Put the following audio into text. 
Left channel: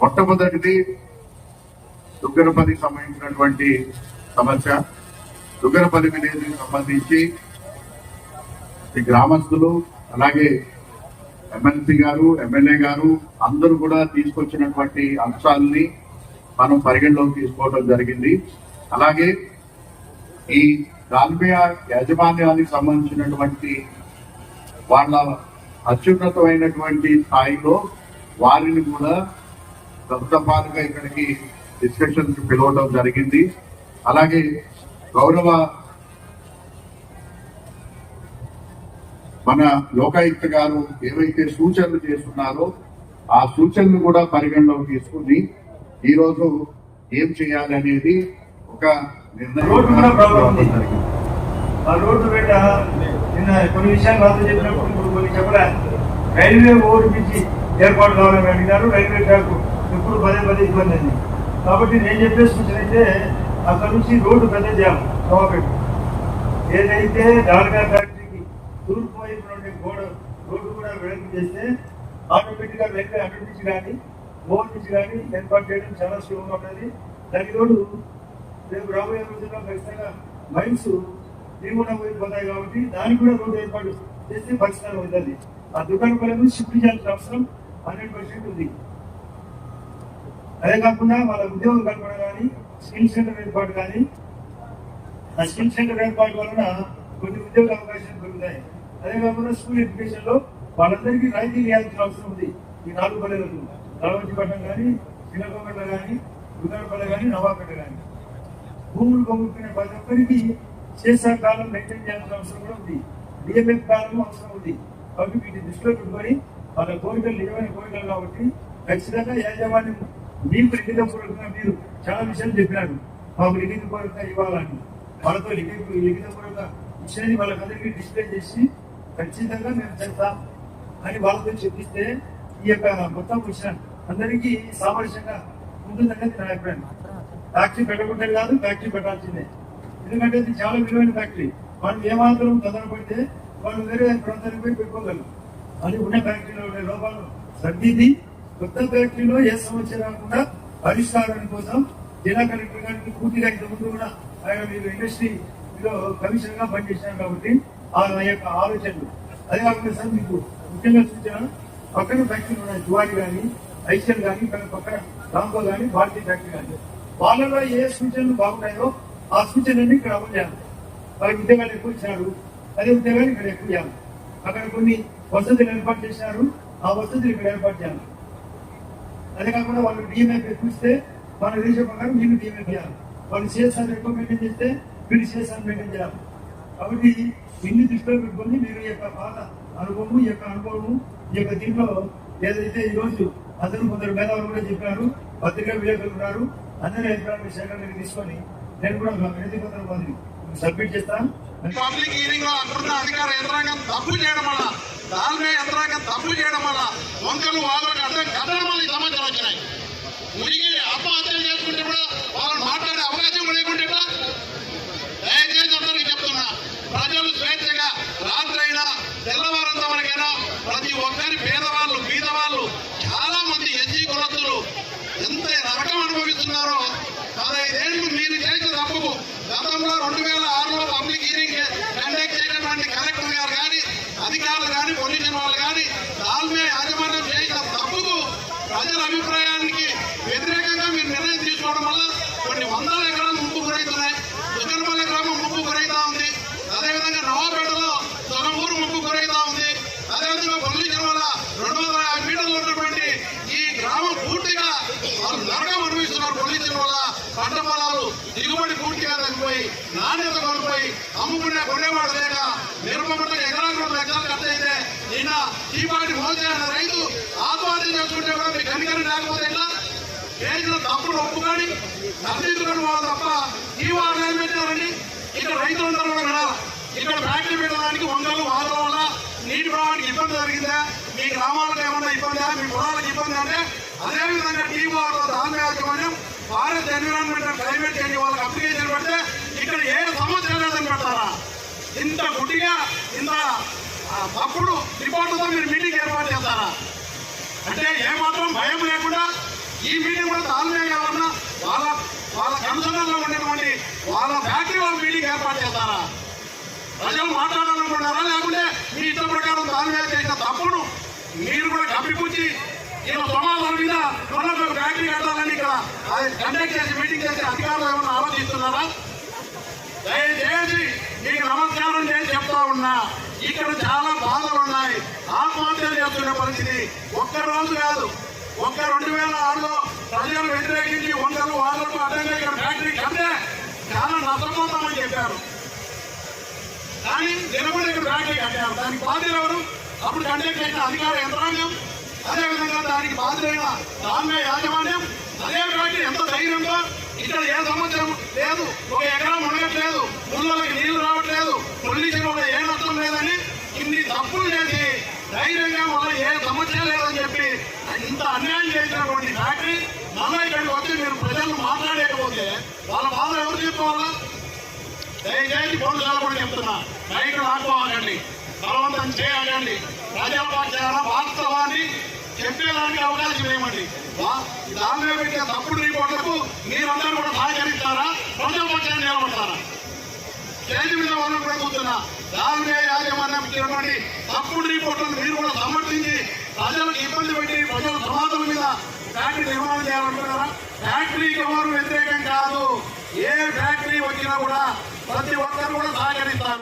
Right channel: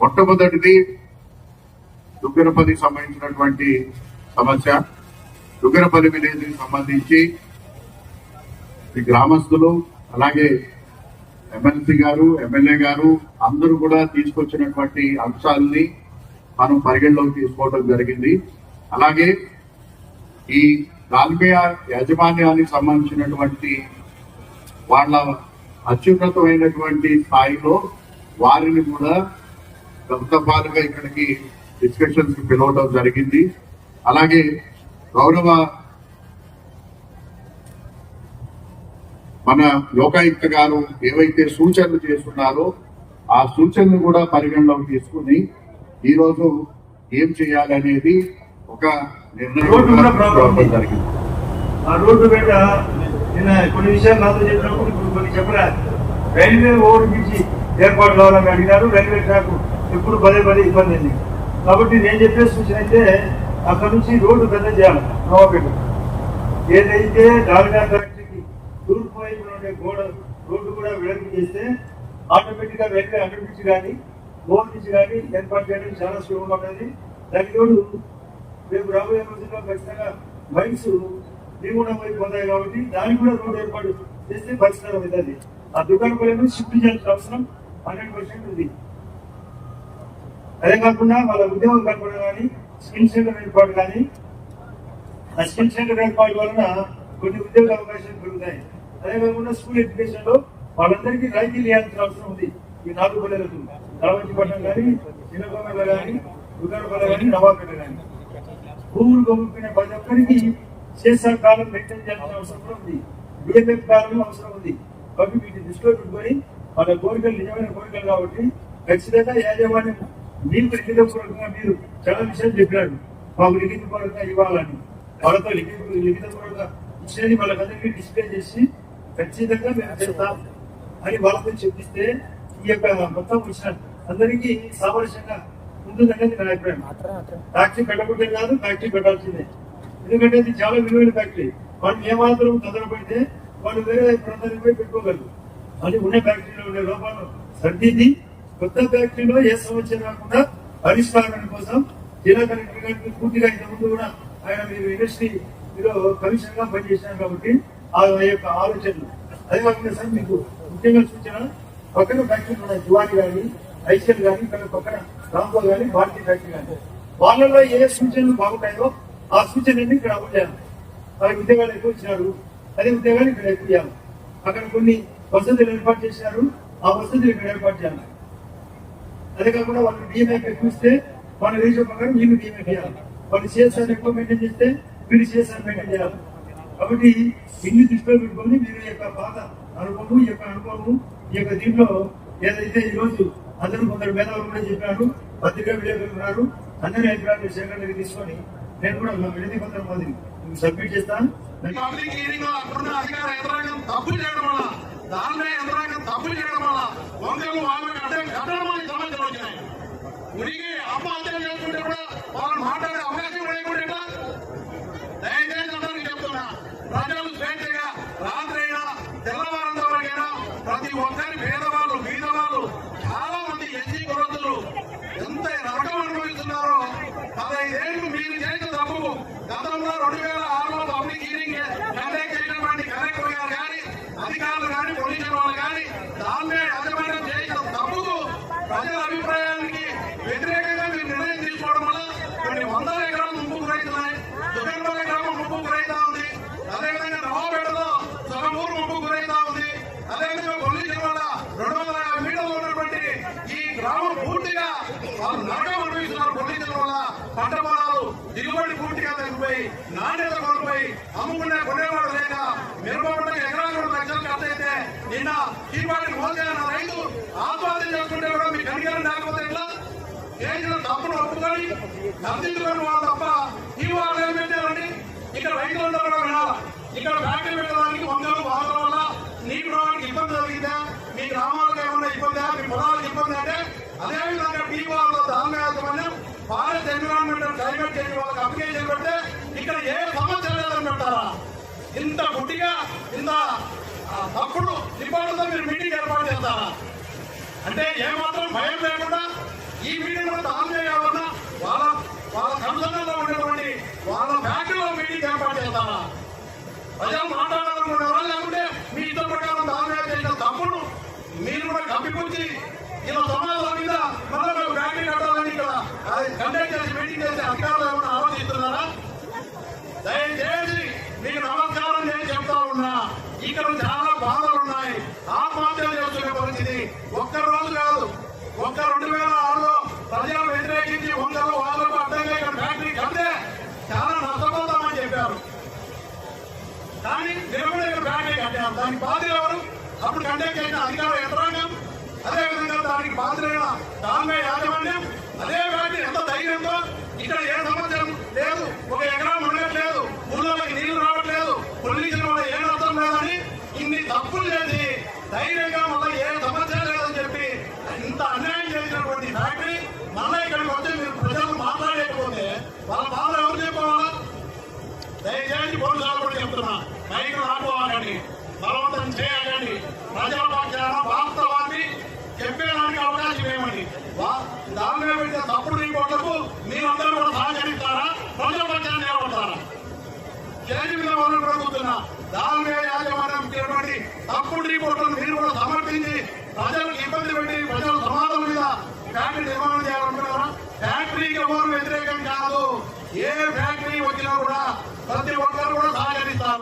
మొట్టమొదటిది దుగ్గరపల్లికి సంబంధించినటువంటి సమస్య. దుగ్గరపల్లి విలేజ్ సంబంధించి ఈ గ్రామస్తులు అలాగే ఎమ్మెల్సీ గారు ఎమ్మెల్యే గారు అందరూ కూడా తీసుకొచ్చినటువంటి అంశాలని మనం పరిగణలోకి తీసుకోవడం జరిగింది. అలాగే ఈ దాల్మియా యాజమాన్యానికి సంబంధించినటువంటి వాళ్ళ అత్యున్నతమైనటువంటి స్థాయిలో వారిని కూడా గౌరవాలుగా ఇక్కడికి డిస్కషన్స్కి పిలవడం జరిగింది. అలాగే గౌరవ మన లోకాయుక్త గారు ఏవైతే సూచనలు చేస్తున్నారో ఆ సూచనలు కూడా పరిగణలోకి తీసుకుని ఈ రోజు ఏం చేయాలి అనేది ఒక నిర్ణయం జరిగింది. ఆ రోడ్డు నిన్న కొన్ని విషయాలు చెప్పినప్పుడు కొన్ని చెప్పలే. రైల్వే బ్రిడ్జి ఏర్పాటు కావాలని అడిగారు. రైల్వే ట్రాక్ ఎప్పుడు పదే పదే ఇబ్బంది అయింది. కాబట్టి నేను చెప్పే సూచన అయితే అక్కడ నుంచి రోడ్డు పెద్ద చేయాలి నవాపేట ఏదైతే డాల్గా ఫ్యాక్టరీకి తూర్పు ఉండే గోడ రోడ్డు కూడా వెడల్పు చేస్తే ఆటోమేటిక్గా రైల్వే నుంచి కానీ ఓవర్ నుంచి కానీ ఏర్పాటు చేయడం చాలా సులభంగా ఉంటుంది. దాని రోజు రేపు రాబోయే రోజుల్లో ఖచ్చితంగా మైన్స్ పోయి పొందాయి కాబట్టి దానికి కూడా రోడ్డు ఏర్పాటు చేస్తే పరిష్కారం అవుతుంది. ఆ దుకాణం పనులను షిఫ్ట్ చేయాల్సిన అవసరం హండ్రెడ్ పర్సెంట్ ఉంది. అదే కాకుండా వాళ్ళ ఉద్యోగం కల్పన కానీ స్కిల్ సెంటర్ ఏర్పాటు కానీ ఆ స్కిల్ సెంటర్ ఏర్పాటు వలన కొన్ని ఉద్యోగ అవకాశాలు పెరుగుతాయి. అదే కాకుండా స్కూల్ ఎడ్యుకేషన్లో వాళ్ళందరికీ రాయితీ ఇవ్వాల్సిన అవసరం ఉంది. ఈ నాలుగు పల్లెలకు పట్టణం కానీ చిన్నకొండ కానీ ఉదరపల్లి కానీ నవాపేట కానీ. భూములు కొనుక్కునే ప్రతి ఒక్కరికి శేషా కాలం మెయింటైన్ చేయాల్సిన అవసరం కూడా ఉంది. డిఎంఎఫ్ కాలం అవసరం ఉంది. అవి వీటి దృష్టిలో పెట్టుకొని వాళ్ళ కోరికలు నిజమైన కోరికలు కాబట్టి ఖచ్చితంగా యాజమాన్యం మీకు లిఖితపూర్వకంగా మీరు చాలా విషయాలు చెప్పినారు మాకు లిఖితపూర్వకంగా ఇవ్వాలని. వాళ్ళతో లిఖిత లిఖితపూర్వకంగా విషయాన్ని వాళ్ళకందరికీ డిస్ప్లే చేసి ఖచ్చితంగా మేము చెప్తాం అని వాళ్ళతో చెప్పిస్తే ఈ యొక్క మొత్తం విషయం అందరికీ సామరస్యంగా ఉంటుందనేది నా అభిప్రాయం ఫ్యాక్టరీ పెట్టకూడదే కాదు ఫ్యాక్టరీ పెట్టాల్సిందే. ఎందుకంటే ఇది చాలా విలువైన ఫ్యాక్టరీ. వాళ్ళు ఏమాత్రం కదలబడితే వాళ్ళు వేరే ప్రాంతానికి పోయి పెట్టుకోగలరు. అది ఉన్న ఫ్యాక్టరీలో ఉండే లోపాలు సర్దిది కొత్త ఫ్యాక్టరీలో ఏ సమస్య రాకుండా పరిష్కారం కోసం జిల్లా కలెక్టర్ గారికి పూర్తిగా ఇంతకుముందు కూడా ఆయన మీరు ఇండస్ట్రీ మీరు కమిషన్గా పనిచేసినారు కాబట్టి ఆ యొక్క ఆలోచనలు. అదే కాకుండా సార్ మీకు ముఖ్యంగా సూచన పక్కన ఫ్యాక్టరీలు ఉన్నాయి జువాడి కానీ ఐసీఎల్ కానీ ఇక్కడ పక్కన రాంకో కానీ భారతీయ ఫ్యాక్టరీ కానీ వాళ్ళలో ఏ సూచనలు బాగుంటాయో ఆ సూచనని ఇక్కడ అమలు చేయాలి. వాళ్ళకి ఉద్యోగాలు ఎక్కువ ఇచ్చినారు. అదే ఉద్యోగాలు ఇక్కడ ఎక్కువ చేయాలి అక్కడ కొన్ని వసతులు ఏర్పాటు చేశారు ఆ వసతులు ఇక్కడ ఏర్పాటు చేయాలి. అదే కాకుండా వాళ్ళు డిఎంఐ చూస్తే వాళ్ళ రీజన్ ప్రకారం వీళ్ళు డిఎంఐ చేయాలి వాళ్ళు సిఎస్ఆర్ ఎక్కువ మెయింటైన్ చేస్తే వీళ్ళు సిఎస్ఆర్ మెయింటైన్ చేయాలి. కాబట్టి ఇన్ని దృష్టిలో పెట్టుకొని మీరు ఈ యొక్క పాత అనుభవము ఈ యొక్క అనుభవము ఈ యొక్క దీంట్లో ఏదైతే ఈ రోజు అందరూ కొందరు మేధావులు కూడా చెప్పారు పత్రికా విలేకరులు ఉన్నారు అందరి అభిప్రాయాలు సేకరణ తీసుకొని నేను కూడా మా వినతి పత్రం మాదిరి సబ్మిట్ చేస్తాను. పబ్లిక్ హీరింగ్లో అధికార యంత్రాంగం తప్పు చేయడం వల్ల దానిమే యంత్రాంగం తప్పులు చేయడం వల్ల వంకలు వాళ్ళకి అర్థం కట్టడం వల్ల సమాచారం వచ్చినాయి మునిగి ఆత్మహత్యలు చేసుకుంటే కూడా వాళ్ళు మాట్లాడే అవకాశం లేకుంటే దయచేసి అందరికీ చెప్తున్నా ప్రజలు స్వేచ్ఛగా రాత్రైనా తెల్లవారంత వరకైనా ప్రతి ఒక్కరి పేద బీదవాళ్ళు చాలా మంది ఎస్సీ కులస్తులు ఎంత నరకం అనుభవిస్తున్నారో పదహైదేళ్ళు మీరు చేసిన తప్పుకు గతంలో రెండు వేల ఆరులో పబ్లిక్ హీరింగ్ కండక్ట్ చేసినటువంటి కలెక్టర్ గారు కానీ అధికారులు కానీ చేసుకోవాలి కానీ దానిపై యాజమాన్యం చేయగల తప్పుకు ప్రజల అభిప్రాయానికి వ్యతిరేకంగా మీరు నిర్ణయం తీసుకోవడం వల్ల కొన్ని వందల ఎకరాలు ముప్పు గురవుతున్నాయి దుగ్గనపల్లి గ్రామం ముప్పు గురవుతా ఉంది. అదేవిధంగా నవాపేటలో సగం ఊరు ముప్పు గురవుతా ఉంది. అదేవిధంగా పొల్యూషన్ వల్ల రెండు వందల యాభై మీటర్లు ఉన్నటువంటి ఈ గ్రామం పూర్తిగా వాళ్ళు నరకం అనుభవిస్తున్నారు. పొల్యూషన్ వల్ల పంట దిగుబడి పూర్తిగా తగ్గిపోయి నాణ్యత కోల్పోయి అమ్ముకునే కొనేవాడు లేక నిర్మూలన ఎకరాలు లక్షలు ఖర్చు అయితే నిన్న దీపావళి మోసేసిన రైతు ఆత్మహత్య చేసుకుంటే కూడా మీ కనికరం లేకపోతే ఇలా చేసిన తప్పులు ఒప్పుకొని సరిదిద్దుకొని వాళ్ళు తప్ప ఈ వాళ్ళు ఏం పెట్టారని ఇక్కడ రైతులందరూ కూడా వినాలి ఇక్కడ ఫ్యాక్టరీ పెట్టడానికి వందలు వాళ్ళ వల్ల నీటి ప్రవాహానికి ఇబ్బంది జరిగిందా మీ గ్రామాలకు ఏమన్నా ఇబ్బంది? మీ పొలాలకు ఇబ్బంది అంటే అదేవిధంగా టీ వాళ్ళు దాని యాజమాన్యం భారత్ ఎన్విరాన్మెంటల్ క్లైమేట్ చేంజ్ వాళ్ళకి అప్లికేషన్ పెడితే ఇక్కడ ఏ సమాచారం పెడతారా? ఇంత గుడ్డిగా ఇంత తప్పుడు రిపోర్టుతో మీరు మీటింగ్ ఏర్పాటు చేస్తారా? అంటే ఏమాత్రం భయం లేకుండా ఈ మీటింగ్ కూడా ఆన్లైన్ కాకుండా వాళ్ళ వాళ్ళ కన్సర్న్లో ఉండేటువంటి వాళ్ళ ఫ్యాక్టరీలో మీటింగ్ ఏర్పాటు చేస్తారా? ప్రజలు మాట్లాడాలనుకుంటారా లేకుంటే మీ ఇష్టం ప్రకారం తాల్మే చేసిన తప్పును మీరు కూడా కప్పిపుచ్చి ఇలా సమాధానం మీద మరొక ఒక ఫ్యాక్టరీ కట్టాలని ఇక్కడ కండక్ట్ చేసి మీటింగ్ చేసి అధికారులు ఏమైనా ఆలోచిస్తున్నారా? దయచేసి మీకు నమస్కారం నేను చెప్తా ఉన్నా. ఇక్కడ చాలా బాధలు ఉన్నాయి. ఆత్మహత్యలు చేస్తున్న పరిస్థితి ఒక్క రోజు కాదు. ఒక్క రెండు వేల ఆరులో ప్రజలు వ్యతిరేకించి వందలు వాళ్ళకు అడ్డంగా ఇక్కడ ఫ్యాక్టరీ కడితే చాలా నష్టపోతామని చెప్పారు. కానీ నిలబడి ఇక్కడ ఫ్యాక్టరీ కట్టారు దానికి బాధ్యులు ఎవరు? అప్పుడు కండక్ట్ చేసిన అధికార యంత్రాంగం అదేవిధంగా దానికి బాధ్యులైన తామే యాజమాన్యం అదే ఫ్యాక్టరీ ఎంత ధైర్యంతో ఇక్కడ ఏ సమస్య లేదు ఒక ఎకరం ఉండట్లేదు ఊళ్ళోకి నీళ్ళు రావట్లేదు పొల్యూషన్ వల్ల ఏ నష్టం లేదని ఇన్ని తప్పులు చేసి ధైర్యంగా మళ్ళీ ఏ సమస్య లేదని చెప్పి ఇంత అన్యాయం చేసినటువంటి ఫ్యాక్టరీ మళ్ళీ ఇక్కడికి వచ్చి మీరు ప్రజలు మాట్లాడలేకపోతే వాళ్ళ బాధ ఎవరు చెప్పుకోవాలా? దయచేసి బోర్డు కూడా చెప్తున్నా. రైతులు ఆడుకోవాలండి బలవంతం చేయాలండి. ప్రజల పక్షాన ఇవ్వండి దాని మీద పెట్టే తప్పుడు రిపోర్టులకు మీరందరూ కూడా సహకరిస్తారా? ప్రజల పక్షాన్ని నిలబడతారా? స్టేజ్ మీద వాళ్ళు కూడా కూర్చున్నా. దాని మీద యాజమాన్యం ఇచ్చినటువంటి తప్పుడు రిపోర్టులు మీరు కూడా సమర్థించి ప్రజలకు ఇబ్బంది పెట్టి ప్రజల సమాజం మీద ఫ్యాక్టరీ నిర్మాణం చేయాలనుకుంటున్నారా? ఫ్యాక్టరీకి ఎవరు వ్యతిరేకం కాదు. ఏ ఫ్యాక్టరీ వచ్చినా కూడా ప్రతి ఒక్కరు కూడా సహకరిస్తారు.